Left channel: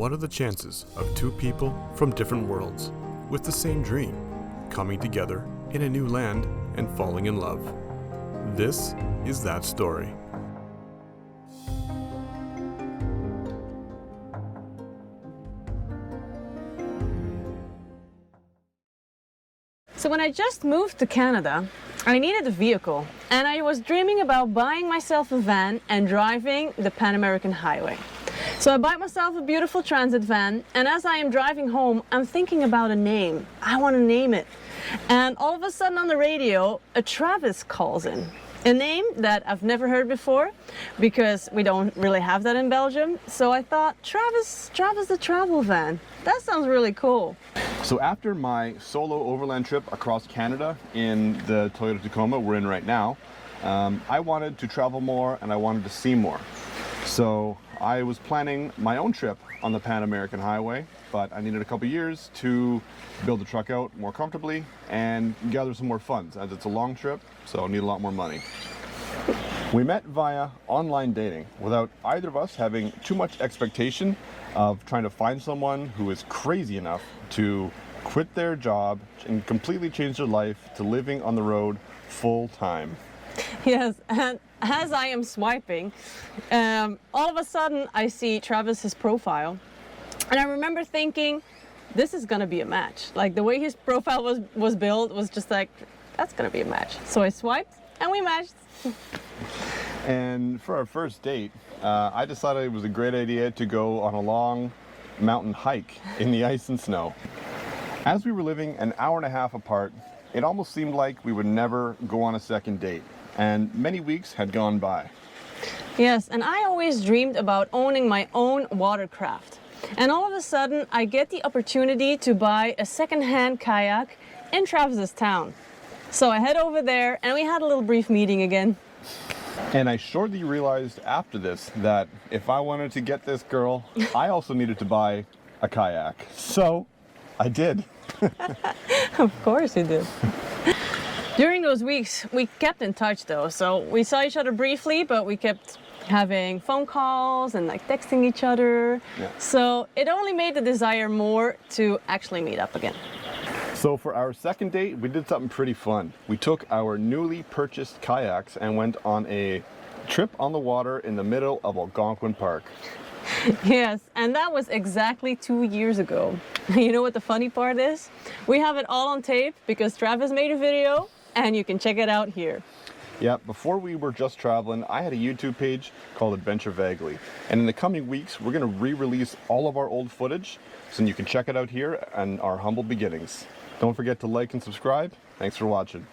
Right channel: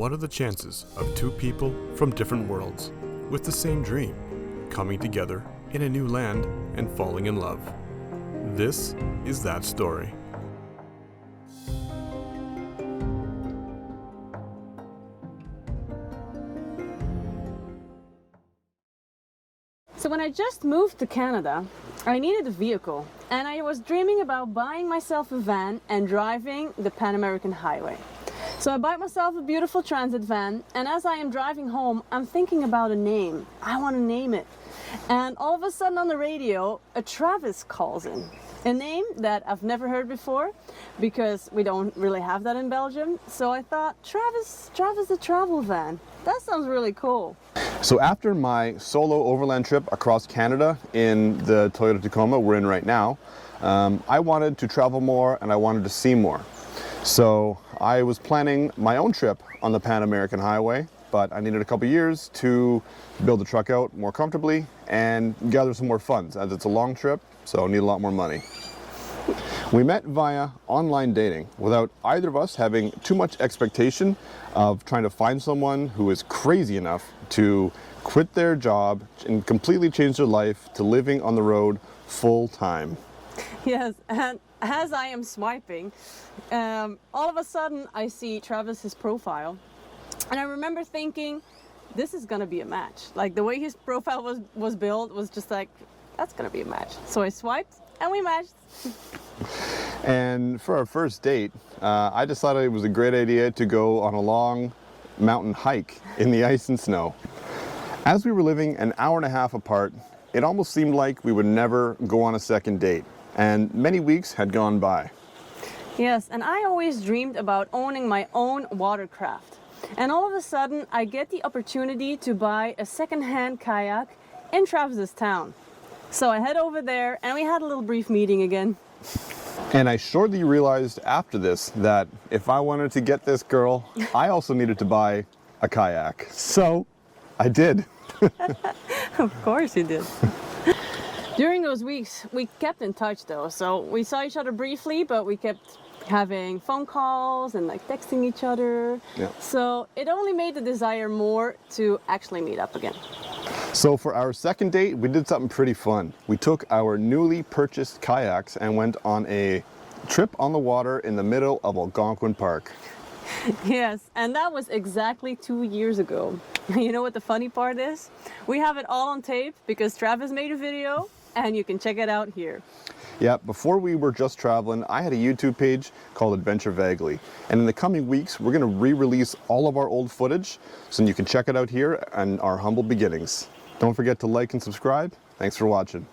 What are the chances of two people from different worlds with the same dream coming together in a new land and falling in love? This is that story. So when I just moved to Canada, I needed a vehicle, and I was dreaming about buying myself a van and driving the Pan American Highway. So I bought myself a beautiful transit van, and as I am driving home, I'm thinking about a name. I want to name it. And all of a sudden on the radio, a Travis calls in. A name that I've never heard before, because we don't really have that in Belgium. So I thought, Travis the travel van. That sounds really cool. So after my solo overland trip across Canada in the Toyota Tacoma we're in right now, I wanted to travel more and I wanted to see more. So I was planning my own trip on the Pan American Highway, but I needed a couple years to build the truck out more comfortably and gather some more funds, as it's a long trip, so I need a lot more money. We met via online dating without either of us having too much expectation of trying to find someone who is crazy enough to quit their job and completely change their life to living on the road full time. Yes, and as I am swiping, all of a sudden I see Travis's profile, and I remember thinking, this is gonna be a match. Like the way his profile was built was just like, that's gonna be a match. So I swiped and we matched. And for our first date, I decided it was a great idea to go on a long mountain hike in the ice and snow. As we were living an hour and a half apart, it almost seemed like we would never go on a second date, and many weeks had gone by. Yes, and I always dreamed about owning my own watercraft. And all of a sudden, I get the opportunity to buy a second-hand kayak in Travis's town. So I head over there, and we had a little brief meeting again. And I shortly realized after this that if I wanted to get this girl, I also needed to buy a kayak. So I did. Of course you did. During those weeks, we kept in touch though. So we saw each other briefly, but we kept having phone calls and like texting each other. Yeah. So it only made the desire more to actually meet up again. So for our second date, we did something pretty fun. We took our newly purchased kayaks and went on a trip on the water in the middle of Algonquin Park. Yes, and that was exactly 2 years ago. You know what the funny part is? We have it all on tape because Travis made a video and you can check it out here. Yeah, before we were just traveling, I had a YouTube page called Adventure Vaguely. And in the coming weeks, we're gonna re-release all of our old footage so you can check it out here and our humble beginnings. Don't forget to like and subscribe. Thanks for watching.